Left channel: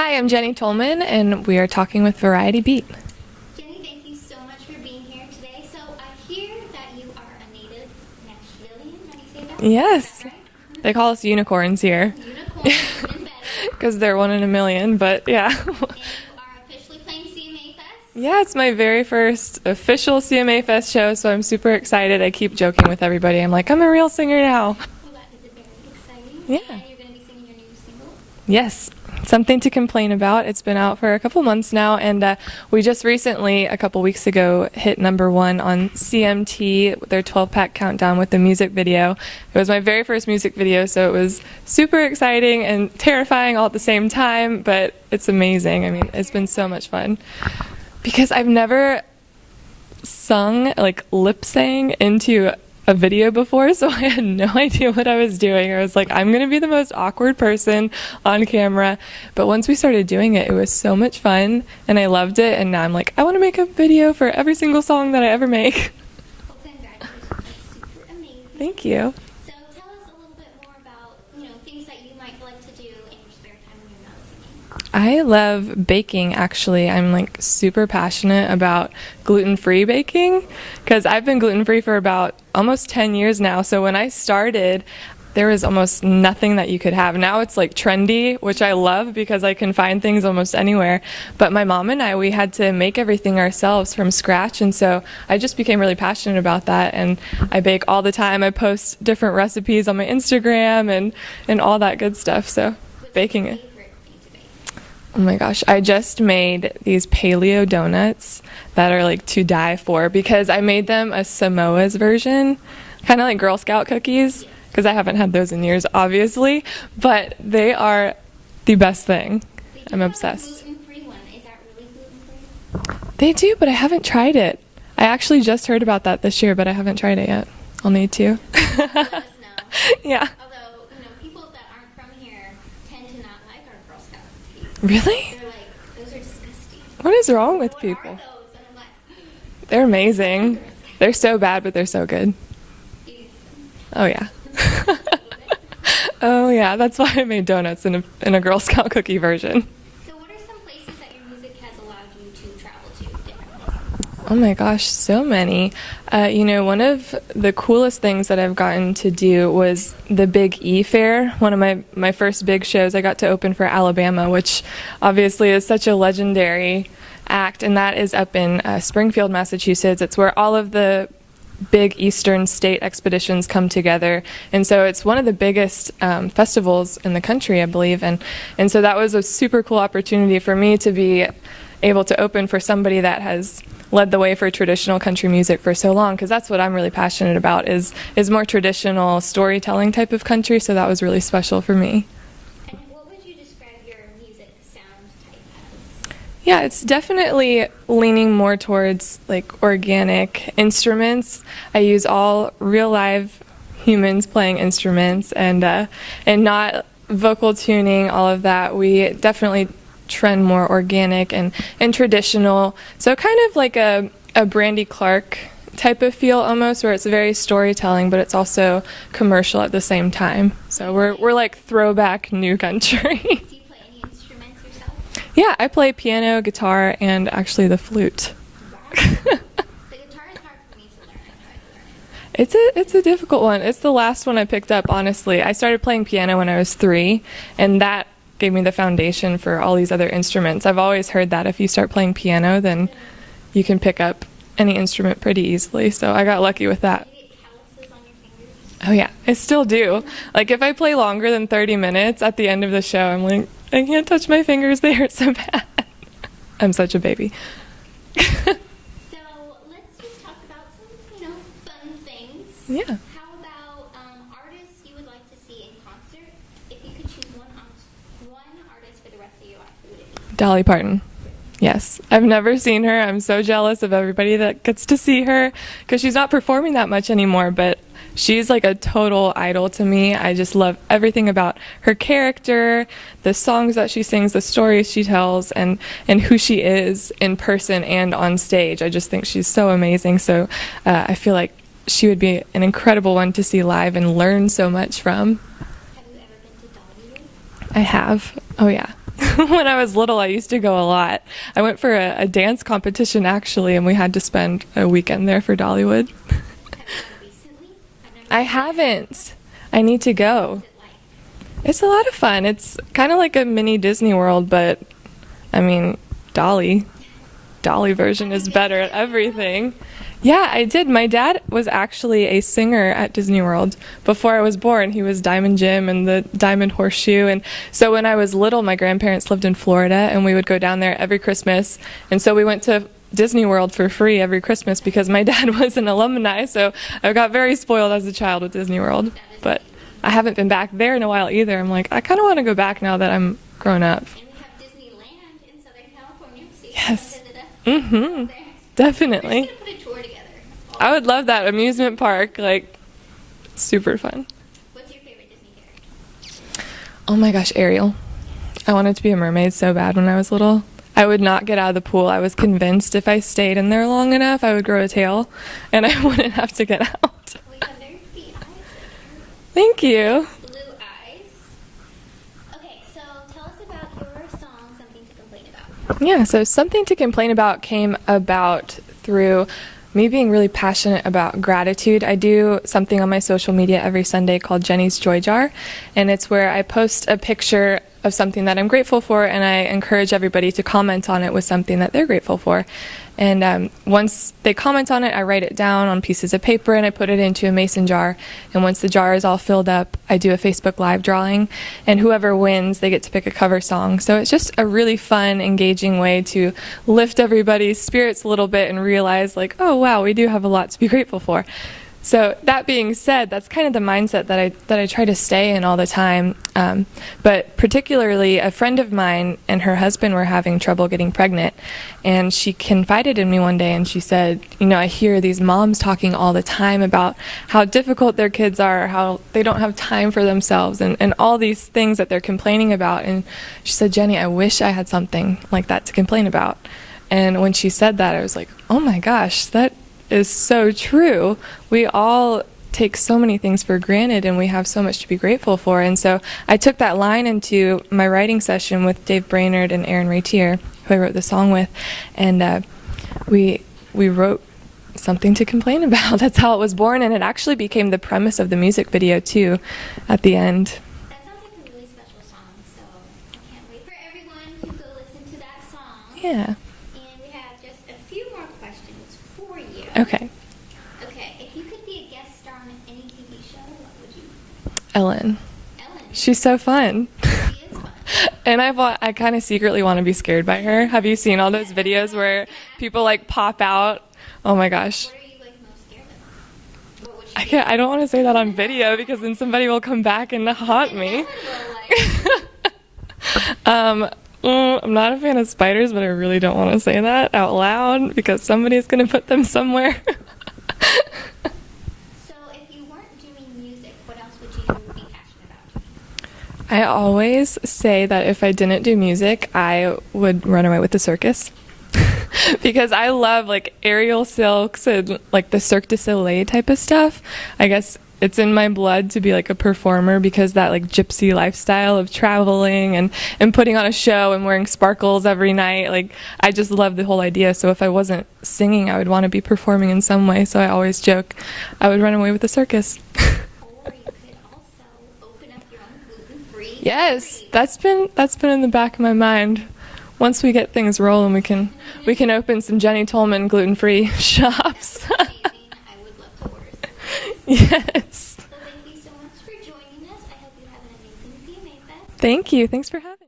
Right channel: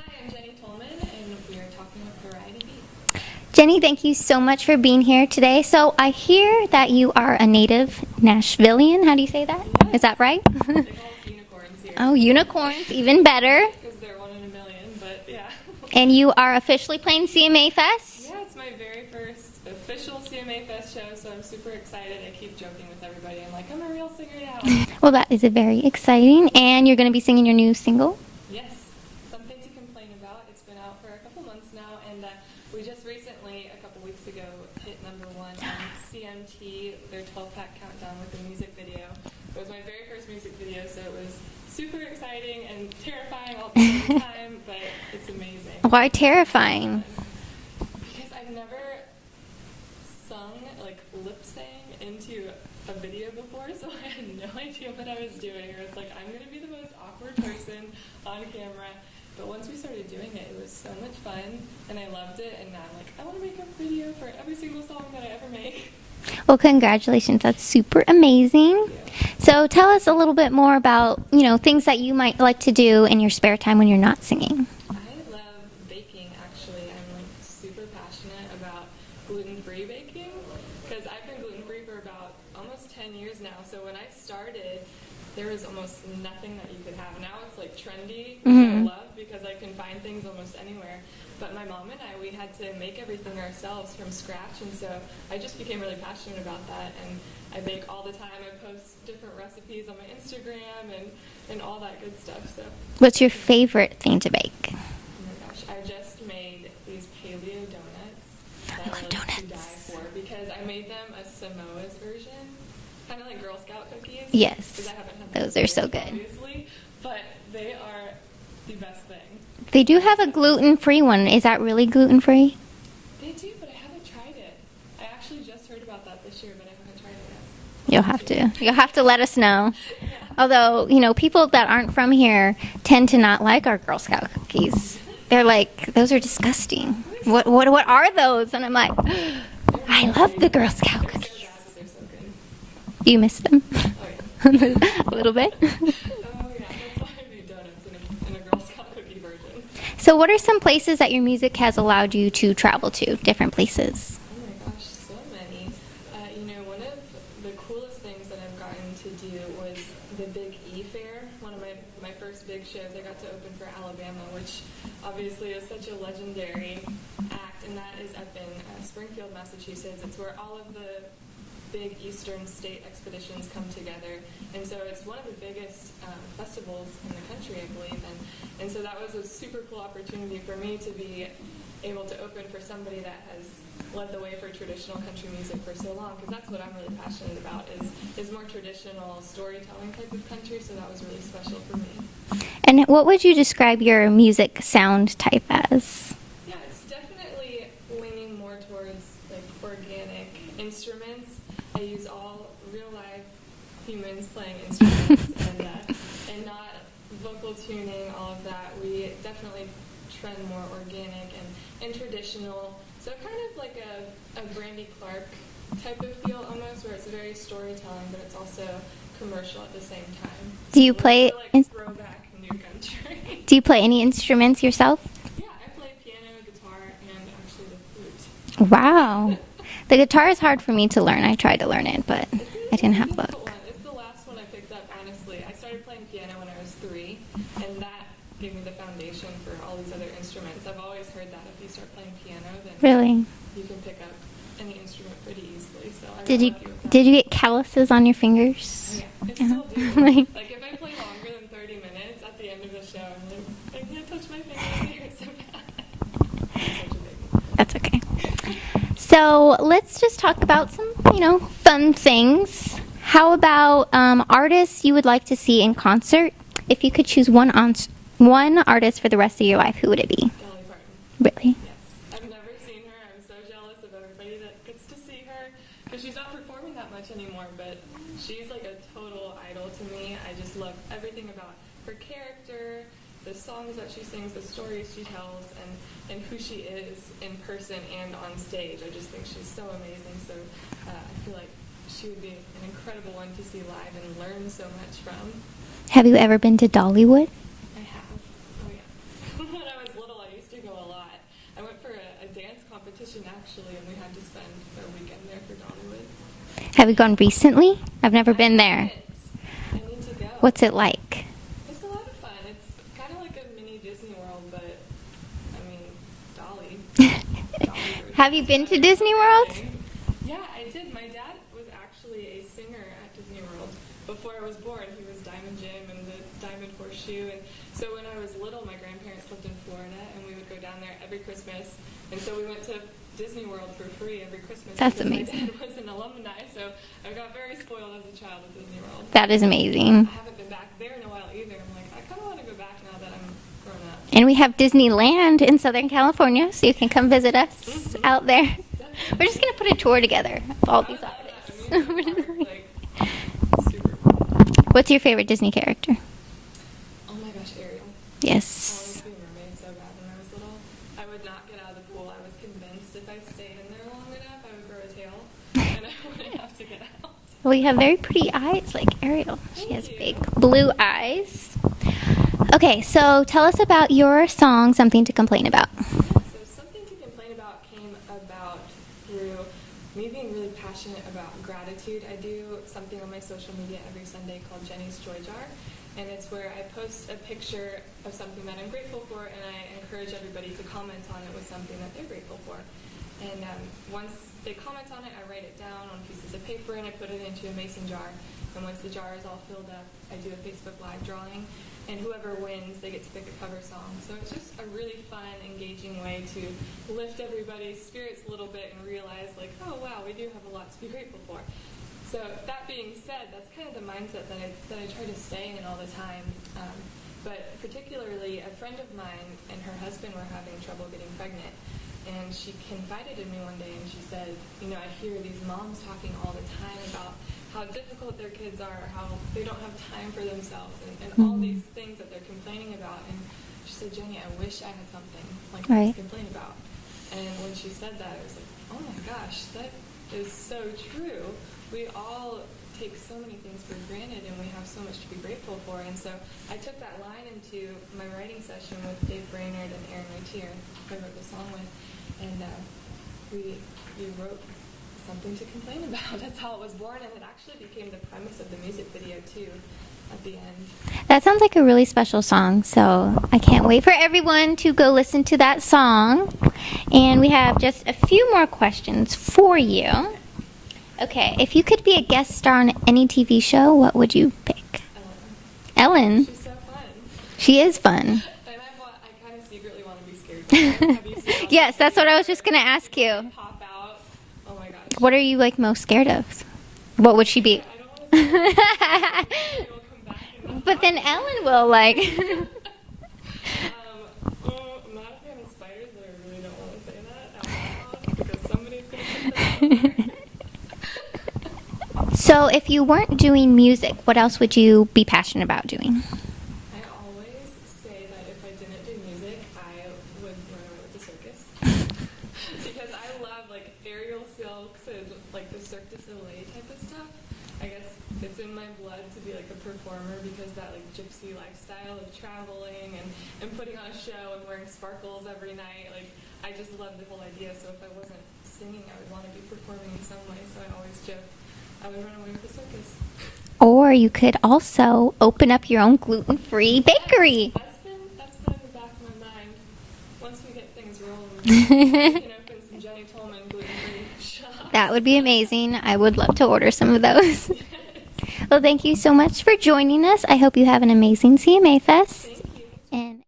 Hi, I'm Jenny Tolman, and we are talking with Variety Beat. Jenny, thank you so much for being here today. So I hear that you are a native Nashvilleian. How do you say that? Yes. Is that right? They call us unicorns here. Oh, unicorns, even better. Because they're one in a million, but yeah. And you are officially playing CMA Fest? Yeah, it's my very first official CMA Fest show, so I'm super excited. I keep joking with everybody. I'm like, I'm a real singer now. Well, that is very exciting. Yeah. And you're going to be singing your new single? Yes. Something to complain about. It's been out for a couple months now, and we just recently, a couple weeks ago, hit #1 on CMT, their 12-pack countdown with the music video. It was my very first music video, so it was super exciting and terrifying all at the same time, but it's amazing. Why It's terrifying? been so much fun. Because I've never sung, like lip-sang into a video before, so I had no idea what I was doing. I was like, I'm gonna be the most awkward person on camera. But once we started doing it, it was so much fun, and I loved it. And now I'm like, I want to make a video for every single song that I ever make. Well, congratulations. That's super amazing. Thank you. So tell us a little bit more about, things that you might like to do in your spare time when you're not singing. I love baking, actually. I'm like super passionate about gluten-free baking because I've been gluten-free for about almost 10 years now. So when I started, there was almost nothing that you could have. Now it's like trendy, which I love because I can find things almost anywhere. But my mom and I, we had to make everything ourselves from scratch. And so I just became really passionate about that. And I bake all the time. I post different recipes on my Instagram and all that good stuff. So What's your baking favorite thing to bake? Oh my gosh, I just made these paleo donuts that are like to die for because I made them a Samoa's version. Kind of like Girl Scout cookies. Yes. Because I haven't had those in are years, so good. obviously. But they are the best thing. They do I'm have obsessed. a gluten-free one. Is that really gluten-free? They do, but I haven't tried it. I actually just heard about that this year, but I haven't tried it yet. I'll You'll need have to. You'll have to let us know. Yeah. Although, people that aren't from here tend to not like our Girl Scout cookies. Really? They're like, those are disgusting. What is wrong with What are people? those? And I'm like, They're I amazing. love the Girl Scout They're so bad, but they're so good. Do you miss them? Oh, yeah. A little bit. Oh, yeah. That's why I made donuts in a Girl Scout cookie version. So what are some places that your music has allowed you to travel to, different places? Oh my gosh, so many. One of the coolest things that I've gotten to do was the Big E Fair. One of my first big shows, I got to open for Alabama, which obviously is such a legendary act, and that is up in Springfield, Massachusetts. It's where all of the big Eastern state expeditions come together, and so it's one of the biggest festivals in the country, I believe, and so that was a super cool opportunity for me to be able to open for somebody that has led the way for traditional country music for so long, because that's what I'm really passionate about is more traditional storytelling type of country, so that was really special for me. And what would you describe your music sound type as? Yeah, it's definitely leaning more towards like organic instruments. I use all real live humans playing instruments and not vocal tuning, all of that. We definitely trend more organic and traditional. So kind of like a Brandy Clark type of feel almost, where it's very storytelling, but it's also commercial at the same time. Do So you we're like throwback new country. Do you play any instruments yourself? Yeah, I play piano, guitar, and actually the flute. Wow. The guitar is hard for me to learn. I tried to learn it, but It's a difficult one. It's the last one I picked up, honestly. I started playing piano when I was 3, and that gave me the foundation for all these other instruments. I've always heard that if you start playing piano, then Really? you can pick up any instrument pretty easily, so I got lucky with that. Did you get calluses on your fingers? Oh yeah, I still do. Like if I play longer than 30 minutes at the end of the show, I'm like, I can't touch my fingers, they hurt so bad. I'm such a baby. That's okay. So let's just talk about some, fun things. Yeah. How about artists you would like to see in concert? If you could choose one artist for the rest of your life, who would it be? Dolly Parton. Really? Yes. I've never seen her. I'm so jealous of everybody that gets to see her because she's not performing that much anymore, but she's like a total idol to me. I just love everything about her character, the songs that she sings, the stories she tells, and who she is in person and on stage. I just think she's so amazing. So I feel like she would be an incredible one to see live and learn so much from. Have you ever been to Dollywood? I have. Oh, yeah. When I was little, I used to go a lot. I went for a dance competition, actually, and we had to spend a weekend there for Dollywood. Have you gone recently? I've never been there. I haven't. I need to go. What's it like? It's a lot of fun. It's kind of like a mini Disney World, but, I mean, Dolly version Have you is been better to at Disney World? everything. Yeah, I did. My dad was actually a singer at Disney World before I was born. He was Diamond Jim and the Diamond Horseshoe. And so when I was little, my grandparents lived in Florida, and we would go down there every Christmas. And so we went to Disney World for free every Christmas because my dad was an alumni. So I got very spoiled as a child with Disney World. That is But amazing. I haven't been back there in a while either. I'm like, I kind of want to go back now that I'm grown up. And we have Disneyland in Southern California, so you can come visit us out there. Definitely. We're just going to put a tour together. I would love that amusement park. Like, super fun. What's your favorite Disney character? Oh my gosh, Ariel. Yes. I wanted to be a mermaid so bad when I was little. I would not get out of the pool. I was convinced if I stayed in there long enough, I would grow a tail, and I wouldn't have to get out. Well, you have very pretty eyes like Ariel. Thank you. Blue eyes. Okay, so tell us about your song, Something to Complain About. Yeah, so Something to Complain About came about through me being really passionate about gratitude. I do something on my social media every Sunday called Jenny's Joy Jar, and it's where I post a picture of something that I'm grateful for, and I encourage everybody to comment on it with something that they're grateful for. And once they comment on it, I write it down on pieces of paper and I put it into a mason jar. And once the jar is all filled up, I do a Facebook Live drawing, and whoever wins, they get to pick a cover song. So it's just a really fun, engaging way to lift everybody's spirits a little bit and realize, like, oh wow, we do have a lot to be grateful for. So that being said, that's kind of the mindset that I try to stay in all the time. But particularly, a friend of mine and her husband were having trouble getting pregnant, and she confided in me one day, and she said, you know, I hear these moms talking all the time about how difficult their kids are, how they don't have time for themselves, and all these things that they're complaining about. And she said, Jenny, I wish I had something like that to complain about. And when she said that, I was like, oh my gosh, that is so true. We all take so many things for granted, and we have so much to be grateful for. And so I took that line into my writing session with Dave Brainerd and Aaron Ratier, who I wrote the song with, and we wrote Something to Complain About. That's how it was born, and it actually became the premise of the music video too at the end. That sounds like a really special song, so I can't wait for everyone to go listen to that song. Yeah. And we have just a few more questions for you. Okay, if you could be a guest star on any TV show, what would you pick? Ellen. Ellen. She's so fun. She is fun. And I kind of secretly want to be scared by her. Have you seen all those Yes, videos that's what I was where just gonna ask people you. like pop out? Oh my gosh. What are you like most scared of? What would she be? I don't want to say that on video because then somebody will come back and But haunt then me. Ellen will like. I'm not a fan of spiders, but I really don't want to say that out loud because somebody's going to put them somewhere. So if you weren't doing music, what else would you be passionate about doing? I always say that if I didn't do music, I would run away with the circus. Because I love like aerial silks and like the Cirque du Soleil type of stuff. I guess it's in my blood to be like a performer because that like gypsy lifestyle of traveling and putting on a show and wearing sparkles every night. Like I just love the whole idea. So if I wasn't singing, I would want to be performing in some way. So I always joke I would run away with the circus. Or you could also open up your own gluten-free bakery. Yes, that's been in the back of my mind. Once we get things rolling, we can open some Jenny Tolman gluten-free shops. That would be amazing. I would love to order some of those. Yes. Well, thank you so much for joining us. I hope you have an amazing CMA Fest. Thank you. Thanks for having me.